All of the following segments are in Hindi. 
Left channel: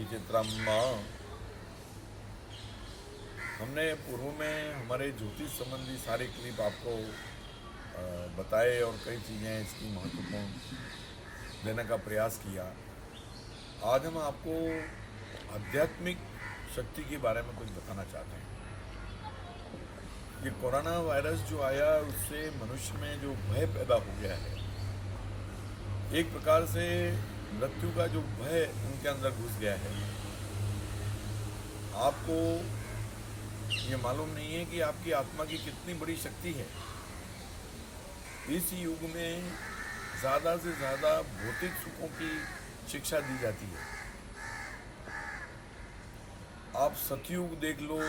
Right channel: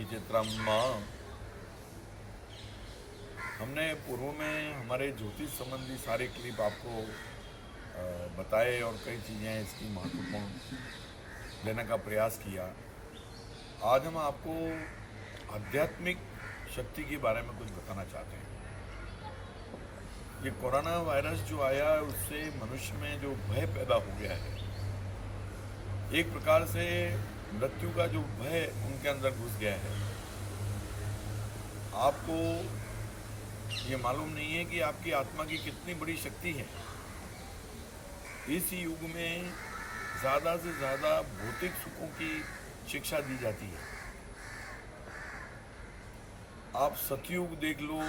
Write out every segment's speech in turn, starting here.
ही चित्रम। हमने पूर्व में हमारे ज्योतिष संबंधी सारे क्लिप आपको बताए और कई चीज़ें इसकी महत्वपूर्ण देने का प्रयास किया। आज हम आपको आध्यात्मिक शक्ति के बारे में कुछ बताना चाहते हैं। ये कोरोना वायरस जो आया उससे मनुष्य में जो भय पैदा हो गया है, एक प्रकार से मृत्यु का जो भय उनके अंदर घुस गया है। आपको ये मालूम नहीं है कि आपकी आत्मा की कितनी बड़ी शक्ति है। इस युग में ज़्यादा से ज़्यादा भौतिक सुखों की शिक्षा दी जाती है। आप सतयुग देख लो,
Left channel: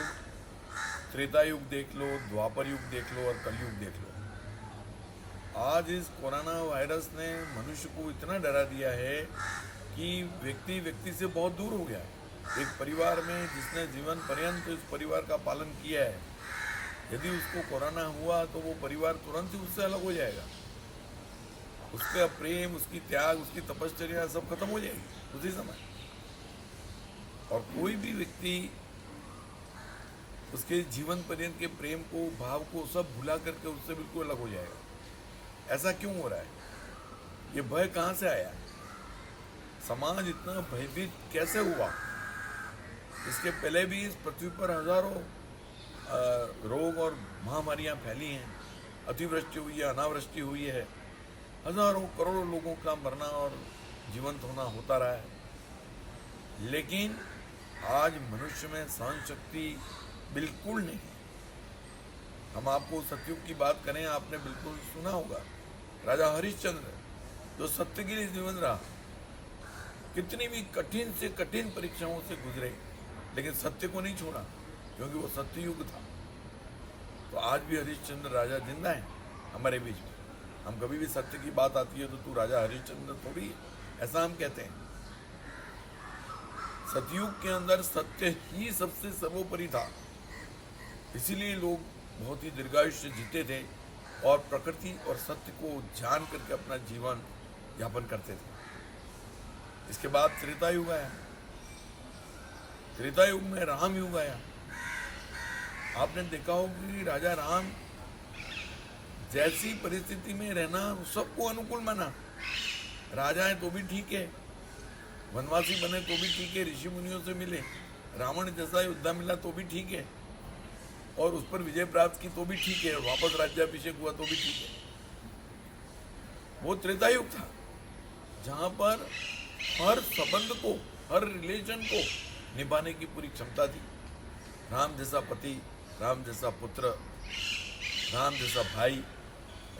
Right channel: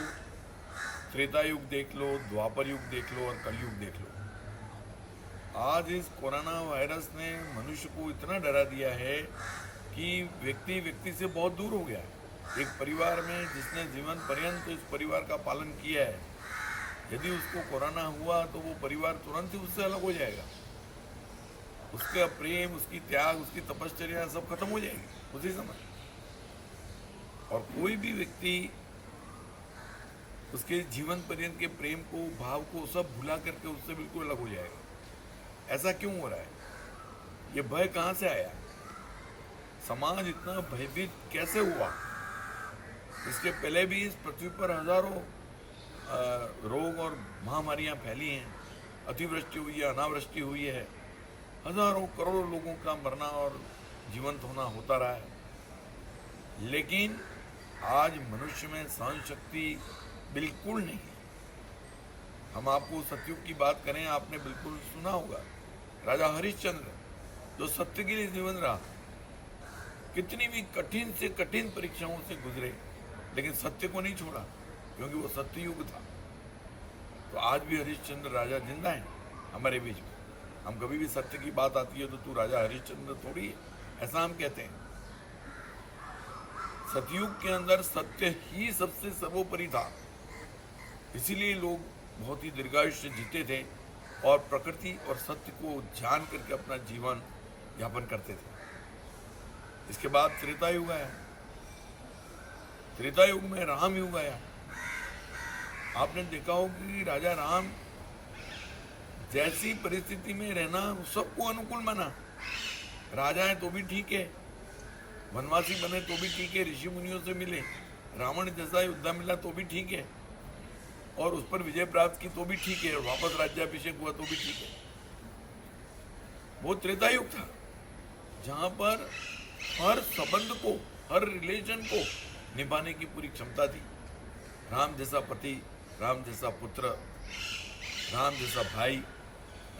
त्रेता युग देख लो, द्वापर युग देख लो और कलयुग देख लो। आज इस कोरोना वायरस ने मनुष्य को इतना डरा दिया है कि व्यक्ति व्यक्ति से बहुत दूर हो गया है। एक परिवार में जिसने जीवन पर्यंत इस परिवार का पालन किया है, यदि उसको कोरोना हुआ तो वो परिवार तुरंत ही उससे अलग हो जाएगा। उसका प्रेम, उसकी त्याग, उसकी तपश्चर्या सब खत्म हो जाएगी उसी समय। और कोई भी व्यक्ति उसके जीवन पर्यंत के प्रेम को, भाव को सब भुला करके उससे बिल्कुल अलग हो जाएगा। ऐसा क्यों हो रहा है? ये भय कहाँ से आया? समाज इतना भयभीत कैसे हुआ? इसके पहले भी इस पृथ्वी पर हजारों रोग और महामारियां फैली हैं। अतिवृष्टि हुई है, अनावृष्टि हुई है, हजारों करोड़ों लोगों का मरना और जीवंत होना होता रहा है। लेकिन आज मनुष्य में सहन शक्ति बिल्कुल नहीं है। हम आपको सतयुग की बात करें, आपने बिल्कुल सुना होगा, राजा हरिश्चंद्र जो सत्य के लिए जीवन रहा, कितनी भी कठिन से कठिन परीक्षाओं से गुजरे, लेकिन सत्य को नहीं छोड़ा, क्योंकि वो सत्य युग था। तो आज भी हरिश्चंद्र राजा जिंदा है हमारे बीच में। हम कभी भी सत्य की बात आती है तो तू राजा हरिश्चंद्र थोड़ी है, ऐसा हम कहते हैं। सतयुग के अंदर सत्य ही सबसे सर्वोपरि था, इसीलिए लोग बहुत ही दीर्घायुष्य जीते थे और प्रकृति और सत्य को जान करके अपना जीवन यापन करते थे। इसके बाद त्रेता युग आया। त्रेता युग में राम युग आया। आपने देखा हो कि राजा राम जैसी परिस्थिति में रहना सबको अनुकूल माना। राजा है तो भी ठीक है, वनवासी बने तो भी ठीक है, ऋषि मुनियों से मिले, रावण जैसा योद्धा मिला तो भी ठीक है, और उस पर विजय प्राप्त की तो भी ठीक है, वापस राज्याभिषेक हुआ तो भी ठीक है। वो त्रेता युग था जहां पर हर संबंध को, हर रिलेशन को निभाने की पूरी क्षमता थी। राम जैसा पति, राम जैसा पुत्र, राम जैसा भाई,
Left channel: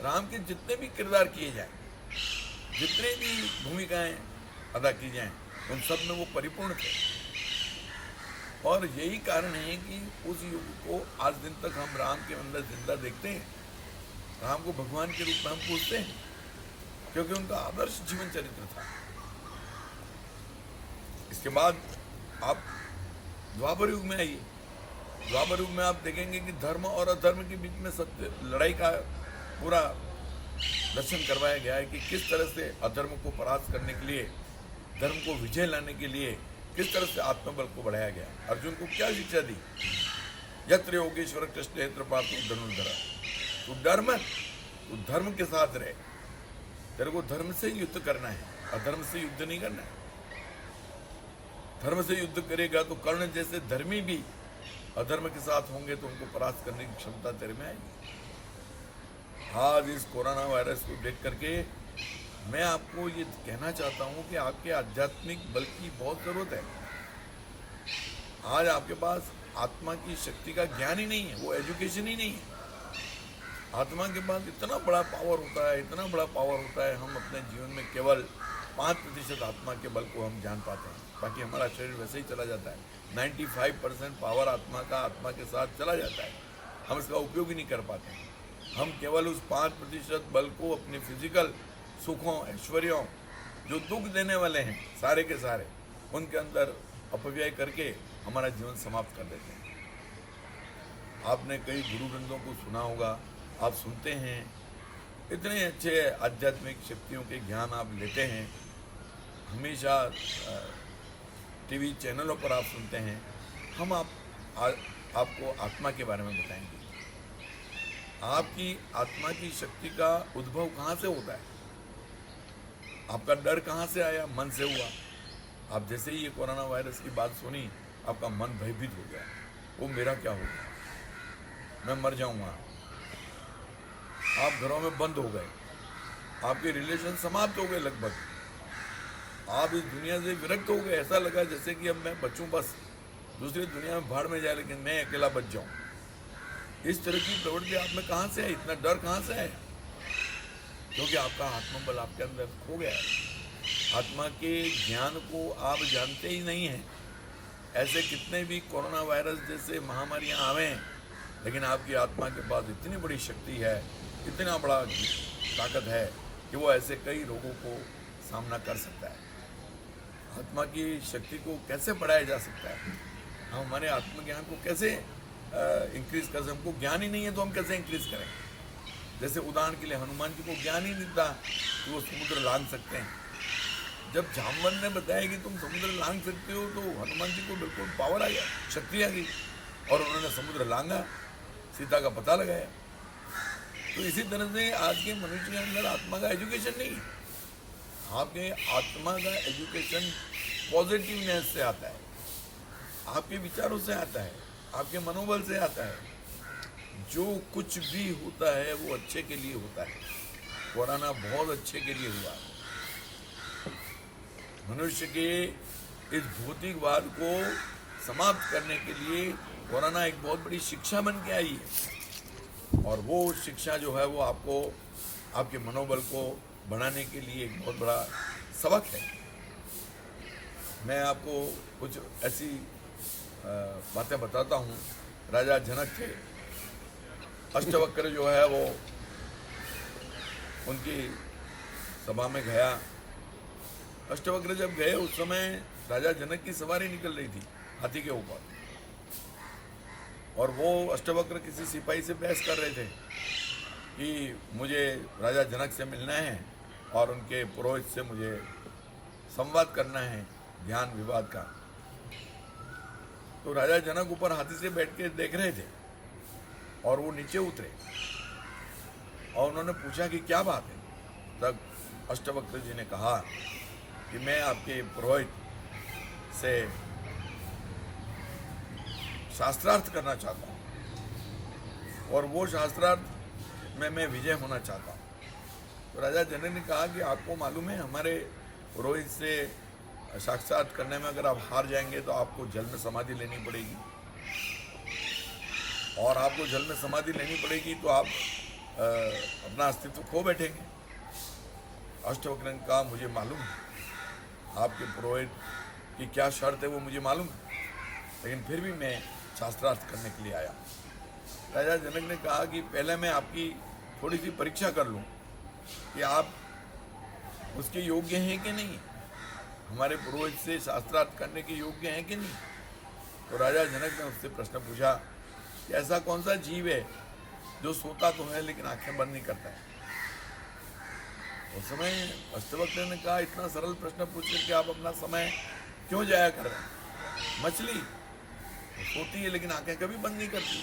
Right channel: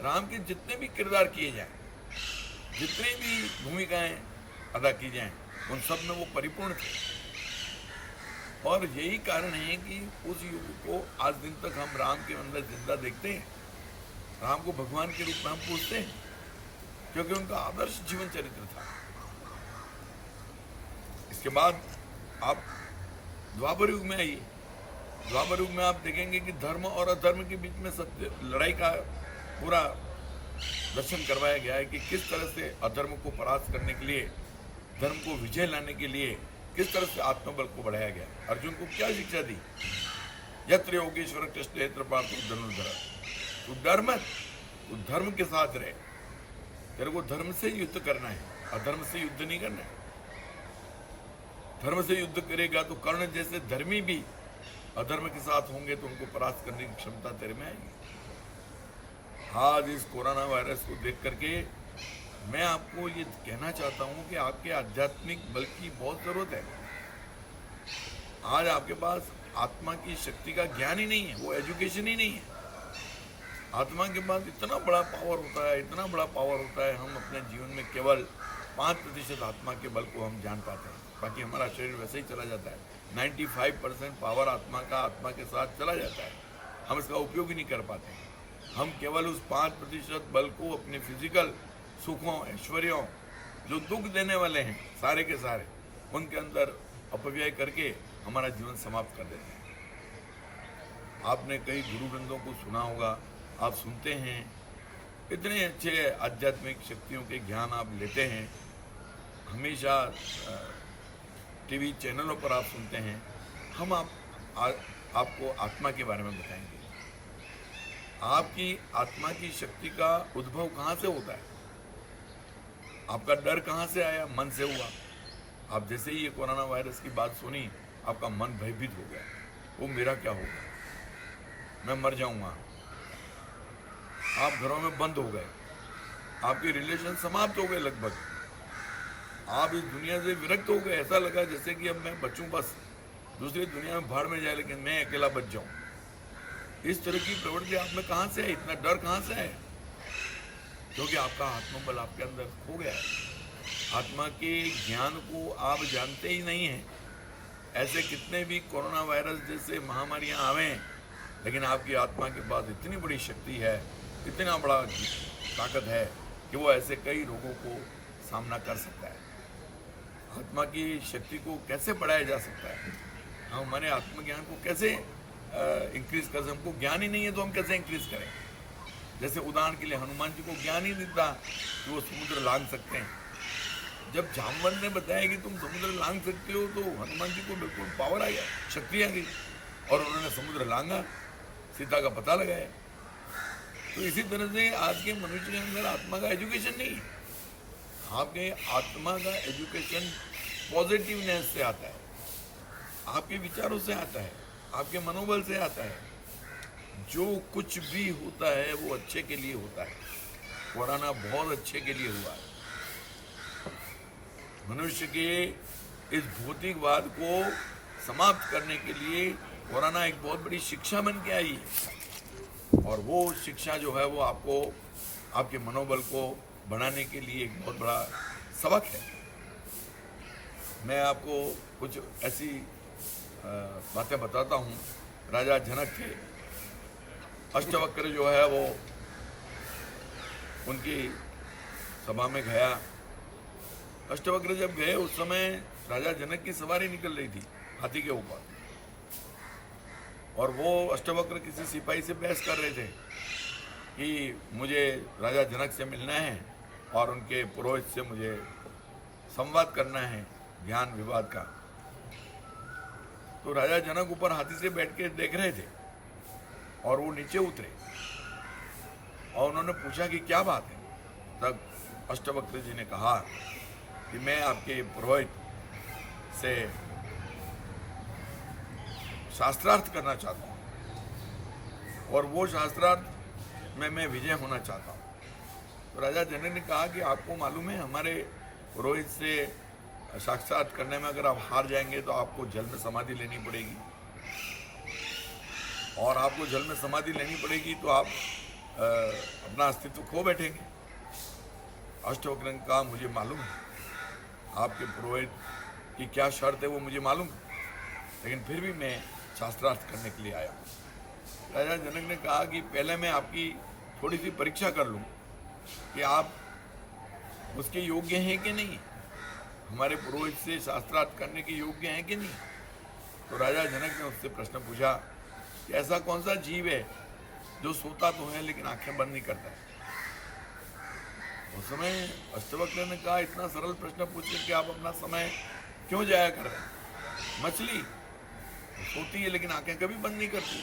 राम के जितने भी किरदार किए जाएं, जितने भी भूमिकाएं अदा की जाएं, उन सब में वो परिपूर्ण थे। और यही कारण है कि उस युग को आज दिन तक हम राम के अंदर जिंदा देखते हैं। राम को भगवान के रूप में हम पूछते हैं, क्योंकि उनका आदर्श जीवन चरित्र था। इसके बाद आप द्वापर युग में आइए। द्वापर युग में आप देखेंगे कि धर्म और अधर्म के बीच में सत्य लड़ाई का पूरा दर्शन करवाया गया है कि किस तरह से अधर्म को परास्त करने के लिए, धर्म को विजय लाने के लिए किस तरह से आत्मबल को बढ़ाया गया। अर्जुन को क्या शिक्षा दी? यत्र योगेश्वर कृष्ण यत्र पार्थ धनुर्धर। तू डर मत, तू धर्म के साथ रहे। तेरे को धर्म से युद्ध करना है, अधर्म से युद्ध नहीं करना है। धर्म से युद्ध करेगा तो कर्ण जैसे धर्मी भी अधर्म के साथ होंगे तो उनको परास्त करने की क्षमता तेरे में आएगी। आज इस कोरोना वायरस को देख करके मैं आपको ये कहना चाहता हूँ कि आपके आध्यात्मिक बल की बहुत जरूरत है। आज आपके पास आत्मा की शक्ति का ज्ञान ही नहीं है, वो एजुकेशन ही नहीं है। आत्मा के पास इतना बड़ा पावर होता है, इतना बड़ा पावर होता है, हम अपने जीवन में केवल 5% आत्मा के बल को हम जान पाते हैं, बाकी हमारा शरीर वैसे ही चला जाता है। 95% पावर आत्मा का आत्मा के साथ चला जाता है, हम इसका उपयोग ही नहीं कर पाते। हम केवल उस 5% बल को अपने फिजिकल सुखों, ऐश्वर्यों, जो दुख देने वाले हैं सारे के सारे, उनके अंदर अपव्यय करके हमारा जीवन समाप्त कर देते हैं। आपने कई गुरु ग्रंथों को सुना होगा, आप सुनते हैं, इतने अच्छे आध्यात्मिक शक्तियों के ज्ञान आप लेते हैं, हमेशा टीवी चैनलों पर आप सुनते हैं, हम आपको आत्मा के बारे में बताएंगे। आपकी आत्मा की शक्ति का उद्भव कहाँ से होता है? आपका डर कहाँ से आया? मन से हुआ। आप जैसे ही ये कोरोना वायरस की बात सुनी, आपका मन भयभीत हो गया। वो मेरा क्या होगा, मैं मर जाऊंगा। आप घरों में बंद हो गए, आपके रिलेशन समाप्त हो गए लगभग। आप इस दुनिया से विरक्त हो गए। ऐसा लगा जैसे कि अब मैं बचूं, बस दूसरी दुनिया में भाड़ में जाए, लेकिन मैं अकेला बच जाऊं। इस तरह की प्रवृत्ति आप में कहां से है? इतना डर कहां से है? क्योंकि आपका आत्मबल आपके अंदर खो गया है। आत्मा के ज्ञान को आप जानते ही नहीं हैं। ऐसे कितने भी कोरोना वायरस जैसे महामारियां आवे, लेकिन आपकी आत्मा के पास इतनी बड़ी शक्ति है, इतना बड़ा ताकत है कि वो ऐसे कई रोगों को सामना कर सकता है। आत्मा की शक्ति को कैसे बढ़ाया जा सकता है? हम हमारे आत्मज्ञान को कैसे इंक्रीज कर सकते? हमको ज्ञान ही नहीं है तो हम कैसे इंक्रीज करें? जैसे उदाहरण के लिए हनुमान जी को ज्ञान ही नहीं था कि वो समुद्र लांघ सकते हैं। जब जामवन ने बताया कि तुम समुद्र लांघ सकते हो, तो हनुमान जी को बिल्कुल पावर आ गया, शक्ति आ गई, और उन्होंने समुद्र लांघा, सीता का पता लगाया। तो इसी तरह से आज के मनुष्य के अंदर आत्मा का एजुकेशन नहीं है। आपके आत्मा का एजुकेशन पॉजिटिवनेस से आता है, आपके विचारों से आता है, आपके मनोबल से आता है। जो कुछ भी होता है वो अच्छे के लिए होता है। कोरोना बहुत अच्छे के लिए हुआ है। मनुष्य के इस भौतिकवाद को समाप्त करने के लिए कोरोना एक बहुत बड़ी शिक्षा बन के आई है, और वो शिक्षा जो है वो आपको, आपके मनोबल को बढ़ाने के लिए एक बहुत बड़ा सबक है। मैं आपको कुछ ऐसी बातें बताता हूँ। राजा जनक थे, अष्टवक्र जो है वो उनकी सभा में गया। अष्टवक्र जब गए उस समय राजा जनक की सवारी निकल रही थी हाथी के ऊपर, और वो अष्टवक्र किसी सिपाही से बहस कर रहे थे कि मुझे राजा जनक से मिलना है और उनके पुरोहित से मुझे संवाद करना है ज्ञान विवाद का। तो राजा जनक ऊपर हाथी से बैठ के देख रहे थे, और वो नीचे उतरे और उन्होंने पूछा कि क्या बात है। तब अष्टवक्र जी ने कहा कि मैं आपके पुरोहित से शास्त्रार्थ करना चाहता हूँ, और वो शास्त्रार्थ में मैं विजय होना चाहता हूँ। तो राजा जनक ने कहा कि आपको मालूम है, हमारे पुरोहित से साक्षात करने में अगर आप हार जाएंगे तो आपको जल में समाधि लेनी पड़ेगी, और आपको जल में समाधि लेनी पड़ेगी तो आप अपना अस्तित्व खो बैठेंगे। अष्टवक्र ने कहा मुझे मालूम है, आपके पुरोहित की क्या शर्त है वो मुझे मालूम है, लेकिन फिर भी मैं शास्त्रार्थ करने के लिए आया। राजा जनक ने कहा कि पहले मैं आपकी थोड़ी सी परीक्षा कर लूं कि आप उसके योग्य हैं कि नहीं, हमारे पुरोहित से शास्त्रार्थ करने के योग्य हैं कि नहीं। तो राजा जनक ने उससे प्रश्न पूछा कि ऐसा कौन सा जीव है जो सोता तो है लेकिन आंखें बंद नहीं करता है। उस समय अष्टवक्र ने कहा इतना सरल प्रश्न पूछ करके आप अपना समय क्यों जाया कर रहे हैं? मछली सोती है लेकिन आंखें कभी बंद नहीं करती।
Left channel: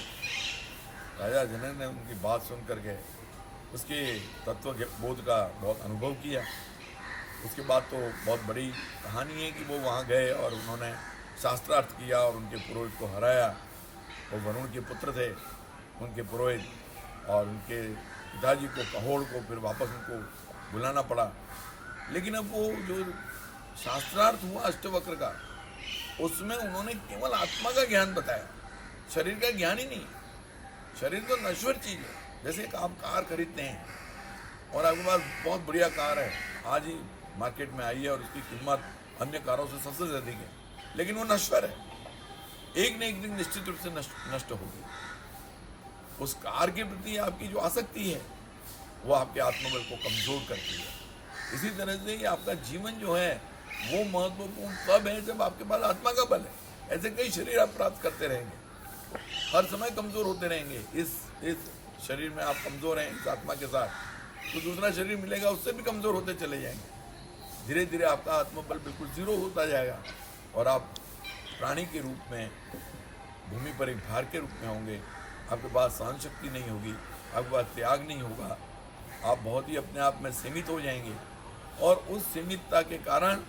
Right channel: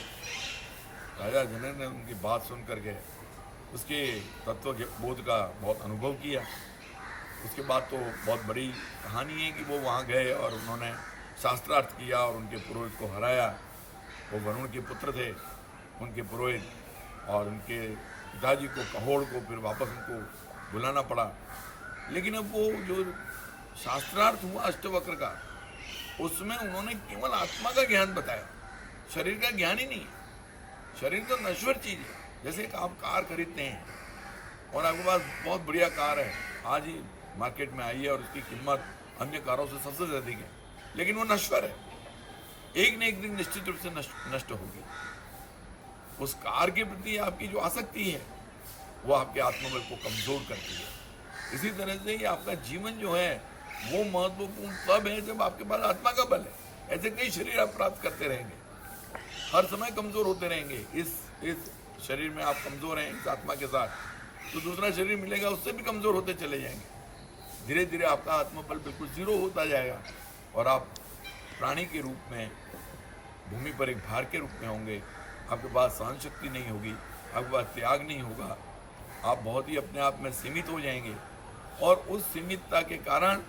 राजा जनक ने उनकी बात सुन करके उसके तत्व बोध का बहुत अनुभव किया। उसके बाद तो बहुत बड़ी कहानी है कि वो वहाँ गए और उन्होंने शास्त्रार्थ किया और उनके पुरोहित को हराया। वो वरुण के पुत्र थे उनके पुरोहित, और उनके पिताजी को, कहोड़ को, फिर वापस उनको बुलाना पड़ा। लेकिन अब वो जो शास्त्रार्थ हुआ अष्टवक्र का, उसमें उन्होंने केवल आत्मा का ज्ञान बताया, शरीर का ज्ञान ही नहीं। शरीर तो नश्वर चीज़ है। जैसे एक आप कार खरीदते हैं और आपके पास बहुत बढ़िया कार है, आज ही मार्केट में आई है और उसकी कीमत अन्य कारों से सबसे अधिक है, लेकिन वो नश्वर है, एक न एक दिन निश्चित रूप से नष्ट होगी। उस कार के प्रति आपकी जो आसक्ति है वो आपके आत्मबल को कमजोर करती है। इसी तरह से ये आपका जीवन जो है वो महत्वपूर्ण तब है जब आपके पास आत्मा का बल है। ऐसे कई शरीर आप प्राप्त करते रहेंगे, हर समय कमजोर होते रहेंगे। इस शरीर में आप कमजोर हैं इस आत्मा के साथ, तो दूसरा शरीर मिलेगा उससे भी कमजोर होते चले जाएंगे। धीरे धीरे आपका आत्मबल बिल्कुल जीरो होता जाएगा। और आप प्राणी के रूप में भूमि पर एक भार के रूप में होंगे। आपके पास सहन शक्ति नहीं होगी, आपके पास त्याग नहीं होगा, आप बहुत ही अपने आप में सीमित हो जाएंगे और उस सीमितता के कारण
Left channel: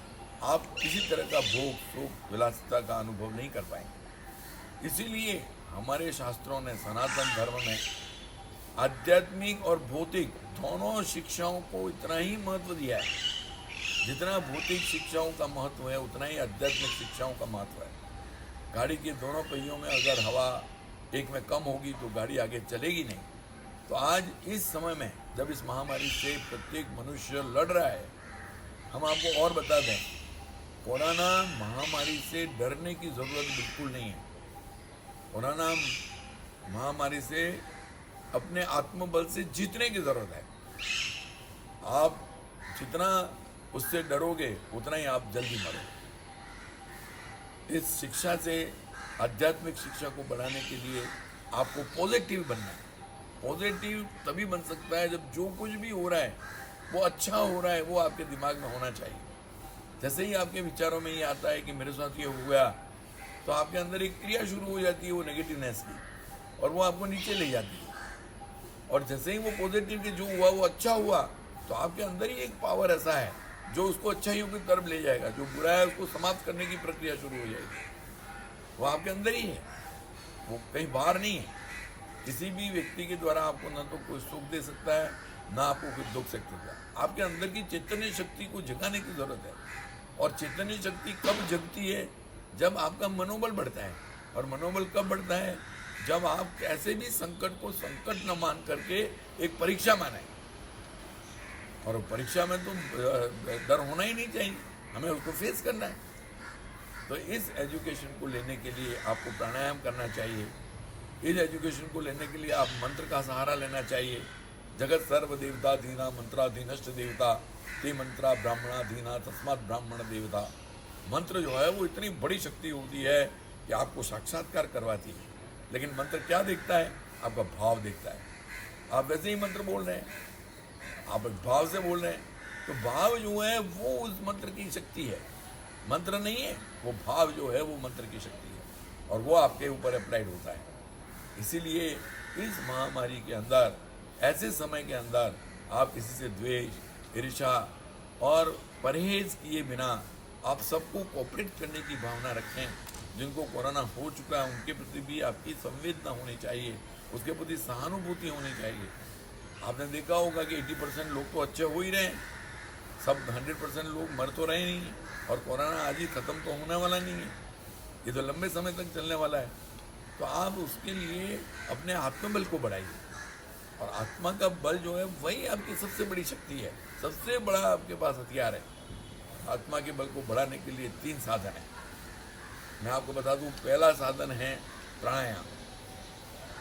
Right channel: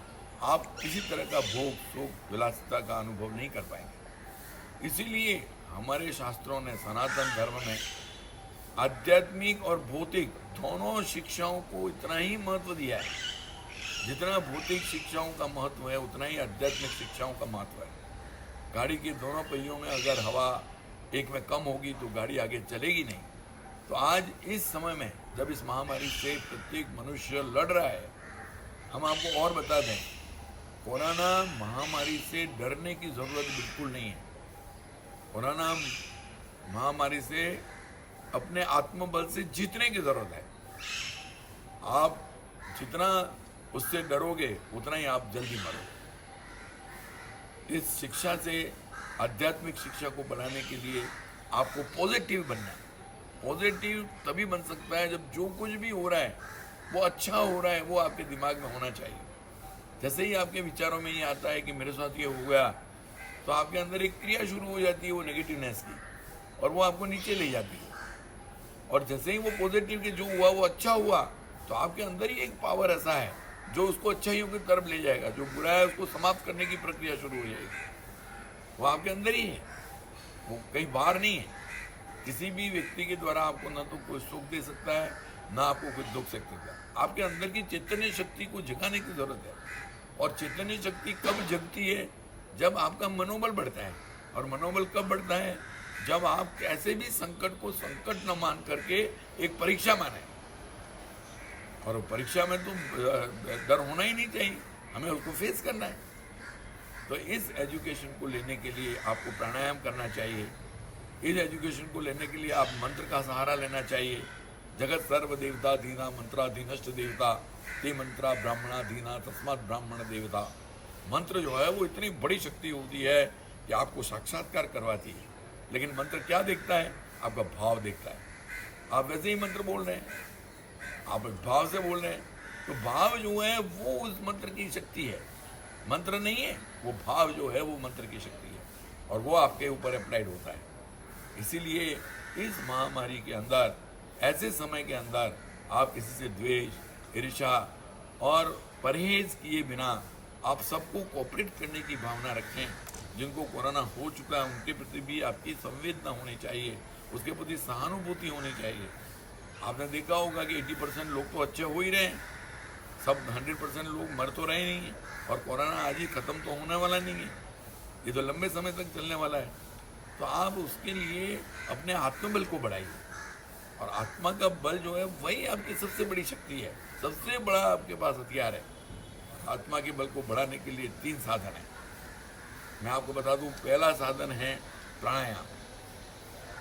आप किसी तरह का भोग सुख विलासिता का अनुभव नहीं कर पाएंगे। इसीलिए हमारे शास्त्रों ने सनातन धर्म में आध्यात्मिक और भौतिक दोनों शिक्षाओं को इतना ही महत्व दिया है। जितना भौतिक शिक्षाओं का महत्व है उतना ही आध्यात्मिक शिक्षाओं का महत्व है। गाड़ी के दोनों पहियों में अगर हवा एक में कम होगी तो गाड़ी आगे चलेगी नहीं। तो आज इस समय में जब इस महामारी से प्रत्येक मनुष्य लड़ रहा है, हम आपको और बता दें, कोरोना महामारी से डरने की ज़रूरत बिल्कुल नहीं है। कोरोना महामारी से अपने आत्मबल से जीतने की ज़रूरत है। आप जितना उससे डरोगे उतना ही आप जल्दी मरोगे। इस शिक्षा से, आध्यात्मिक शिक्षा को बढ़ाने के लिए आपको पॉजिटिव बनना है। पॉजिटिव तभी बन सकता है जब जो कुछ भी हो रहा है वो अच्छा हो रहा है, वो आपके दिमाग में होना चाहिए। जैसे ही आपके विचारों में ये आता है कि मेरे साथ ये हो गया, तो आपके अंदर एक क्रिया शुरू हो जाती है वो नेगेटिवनेस की, और वो आपको नीचे ले जाती है। और जैसे ही वो पॉजिटिव के जो हुआ वो अच्छा हुआ, तो आपके अंदर ही एक पावर ऐसा है जो उसको अच्छाइयों की तरफ ले जाएगा। जो बुरा है उसको समाप्त करने की प्रक्रिया शुरू हो जाएगी। वो आपके अंदर ही है, वो कहीं बाहर नहीं है। किसी भी व्यक्ति के द्वारा आपको ना तो कोई सुख दे सकता है, ना आपको कुछ दुख सकता है। आपके अंदर की चैतन्य शक्ति को जगाने की जरूरत है। और चैतन्य शक्ति कब जगती है? जब आपका मनोबल बढ़ता है। और मनोबल कब बढ़ता है? जब आप कैसे भी संकट को संकट न मान करके एक परीक्षा माने। और परीक्षा में तो डर होना ही नहीं चाहिए, हमें उसको फेस करना है। तो इस एजुकेशन को लेने के लिए आपको प्राणायाम करना चाहिए। इस एजुकेशन को लेने के लिए आप मंत्र का सहारा लेना चाहिए। जगत सर्व देवता दीना मंत्राधीनष्ट देवता ते मंत्रा ब्राह्मणाधीना तस्मात् ब्राह्मण देवता। मंत्र जो है वो इतनी बड़ी शक्ति होती है कि आपको साक्षात्कार करवाती है। लेकिन मंत्र क्या देखता है? आपका भाव देखता है। आप वैसे ही मंत्र बोल रहे हैं, आप भाव से बोल रहे हैं, तो भाव जो है वो उस मंत्र की शक्ति है, मंत्र नहीं है। वो भाव जो है वो मंत्र की शक्ति है, और वो आपके ऊपर अप्लाइड होता है। इसीलिए इस महामारी के अंदर, ऐसे समय के अंदर, आप किसी से द्वेष, ईर्ष्या और परहेज किए बिना आप सबको कोऑपरेट करने की भावना रखें। जिनको कोरोना हो चुका है उनके प्रति भी आपकी संवेदना होनी चाहिए, उसके प्रति सहानुभूति होनी चाहिए। आपने देखा होगा कि 80% लोग तो अच्छे हो ही रहे हैं, सब 100% लोग मर तो रहे नहीं हैं। और कोरोना आज ही ख़त्म तो होने वाला नहीं है, ये तो लंबे समय तक चलने वाला है। तो आप उसके लिए अपने आत्मबल को बढ़ाइए। और आत्मा का बल जो है वही आपकी सबसे बड़ी शक्ति है, सबसे बड़ा आपके पास हथियार है। आत्मा के बल को बढ़ाने के लिए 3 साधन हैं। मैं आपको बता दूं, पहला साधन है प्राणायाम।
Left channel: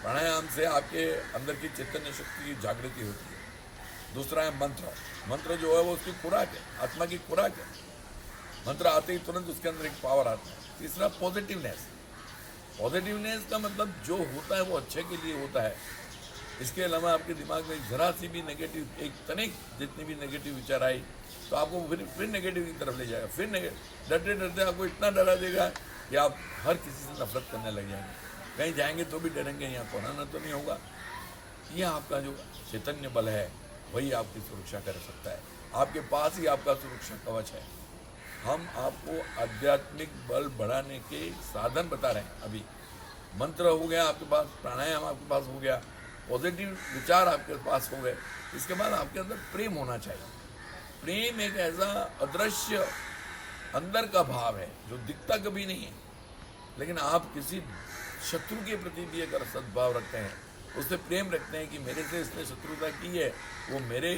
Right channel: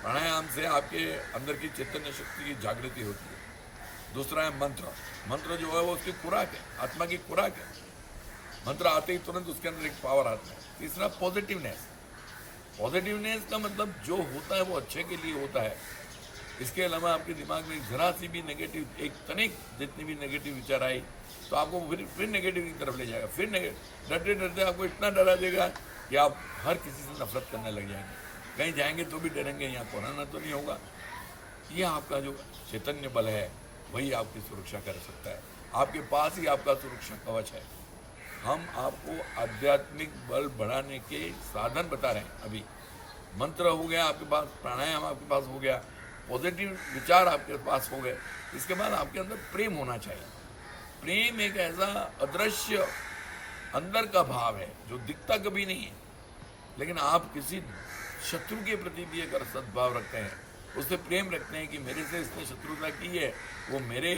प्राणायाम से आपके अंदर की चैतन्य शक्ति की जागृति होती है। दूसरा है मंत्र। मंत्र जो है वो उसकी खुराक है, आत्मा की खुराक है। मंत्र आते ही तुरंत उसके अंदर एक पावर आता है। तीसरा पॉजिटिवनेस। पॉजिटिवनेस का मतलब जो होता है वो अच्छे के लिए होता है। इसके अलावा आपके दिमाग में जरा सी भी नेगेटिव, एक तनिक जितनी भी नेगेटिव विचार आई तो आपको फिर नेगेटिव की तरफ ले जाएगा। फिर डरते डरते आपको इतना डरा देगा कि आप हर किसी से नफरत करने लग जाएंगे। कहीं जाएंगे तो भी डरेंगे, यहाँ कोरोना तो नहीं होगा। ये आपका जो चैतन्य बल है वही आपकी सुरक्षा कर सकता है। आपके पास ही आपका सुरक्षा कवच है। हम आपको आध्यात्मिक बल बढ़ाने के साधन बता रहे हैं। अभी मंत्र हो गया आपके पास, प्राणायाम आपके पास हो गया, पॉजिटिव विचार आपके पास हो गए। इसके बाद आपके अंदर प्रेम होना चाहिए। प्रेम एक ऐसा अदृश्य अंदर का भाव है जो दिखता कभी नहीं है, लेकिन आप किसी शत्रु के प्रति भी अगर सद्भाव रखते हैं, उससे प्रेम रखते हैं कि मेरे से इसने शत्रुता की है, वो मेरे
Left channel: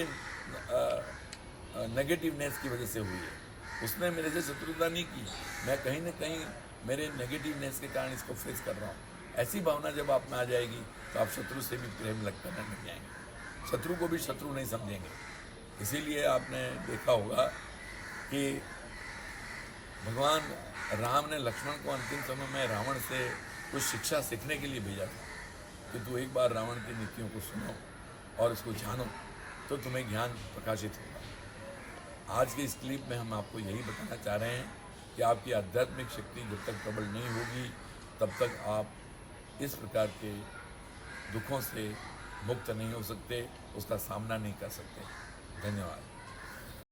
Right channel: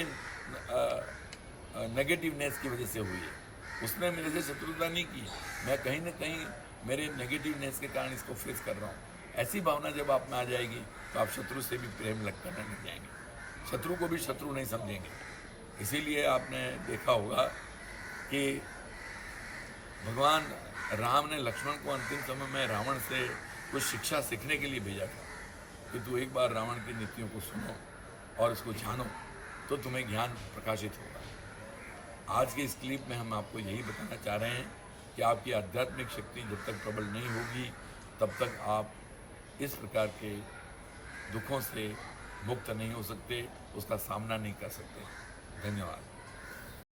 नेगेटिवनेस की वजह से हुई है, उसने मेरे से शत्रुता नहीं की, मैं कहीं ना कहीं मेरे नेगेटिवनेस के कारण इसको फेस कर रहा हूँ। ऐसी भावना जब आप में आ जाएगी तो आप शत्रु से भी प्रेम करने लग जाएंगे, शत्रु को भी शत्रु नहीं समझेंगे। इसीलिए आपने देखा होगा कि भगवान राम ने लक्ष्मण को अंतिम समय में रावण से कुछ शिक्षा सीखने के लिए भेजा था कि तू एक बार रावण की नीतियों को सुनो और इसको जानो तो तुम्हें ज्ञान प्रकाशित होगा। आज के इस क्लिप में हम आपको यही बताना चाह रहे हैं कि आपकी आध्यात्मिक शक्ति जब तक प्रबल नहीं होगी तब तक आप इस प्रकार के दुखों से मुक्त नहीं हो सकते, उसका सामना नहीं कर सकते। धन्यवाद।